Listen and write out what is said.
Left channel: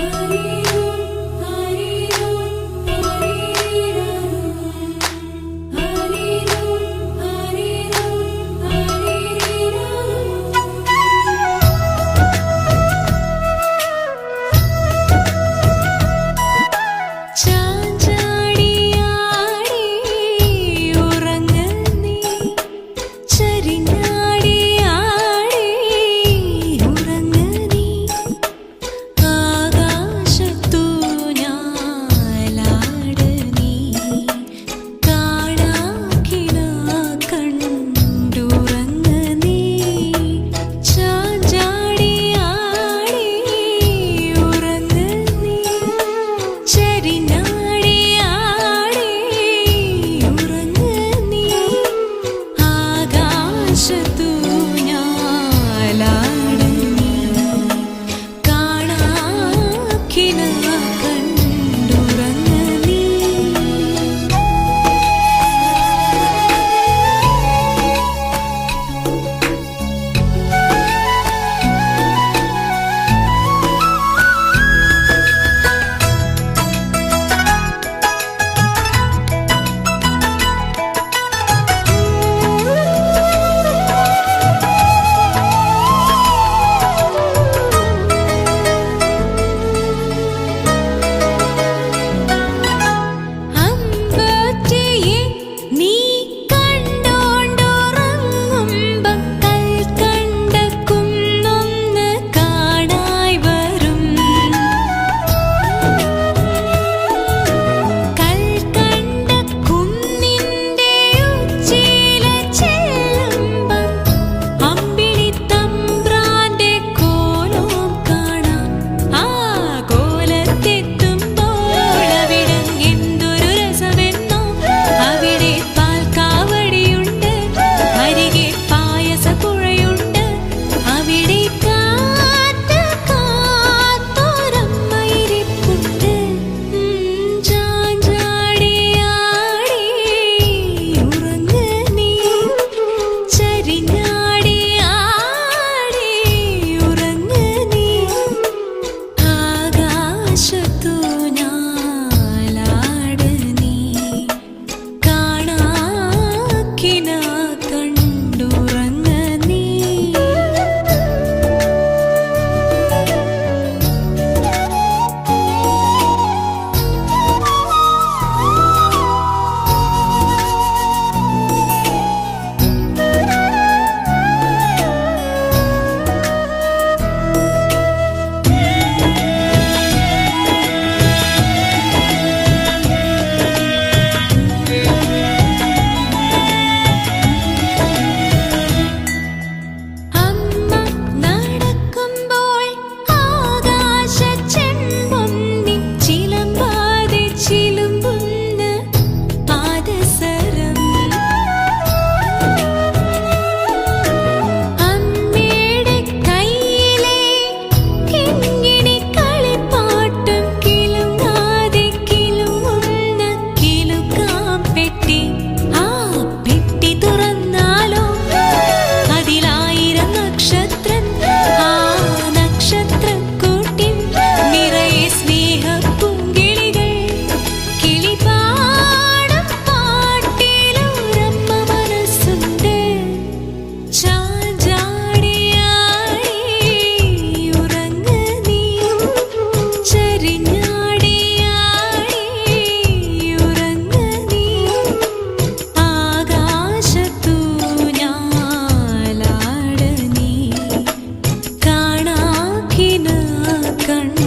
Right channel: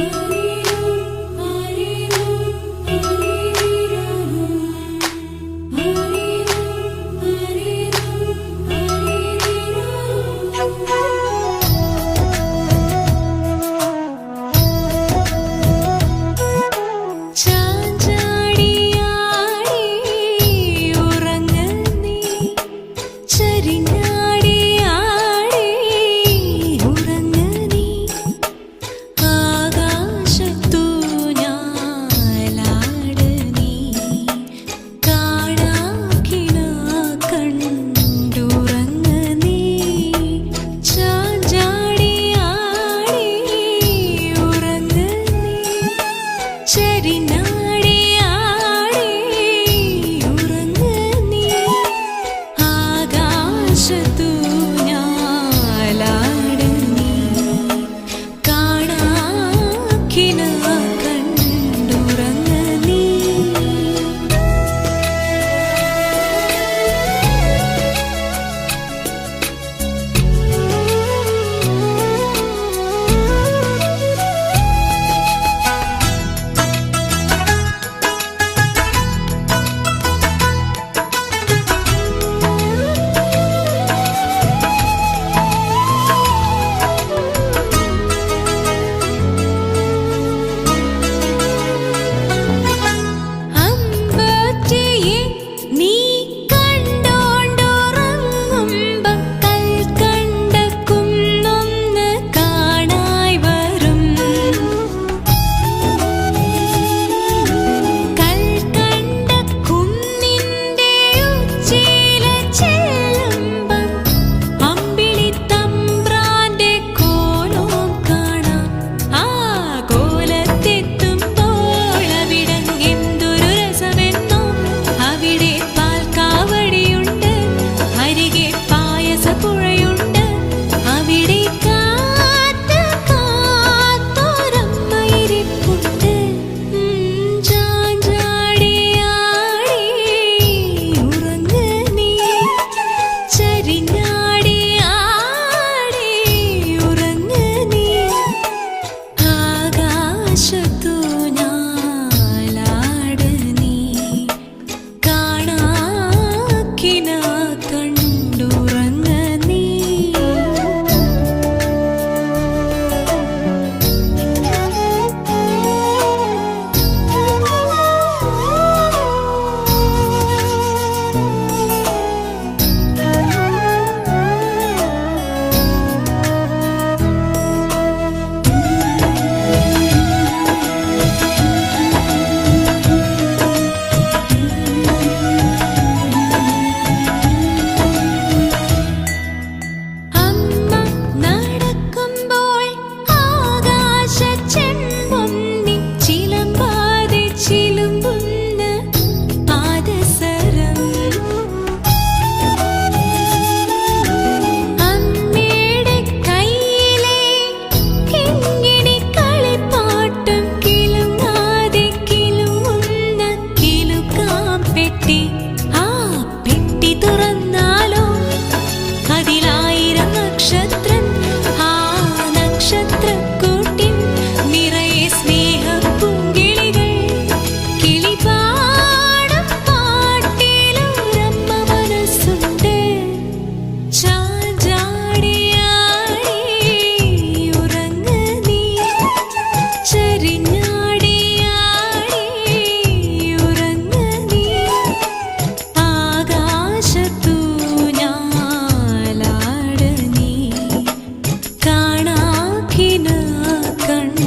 You. aşık একটি கண்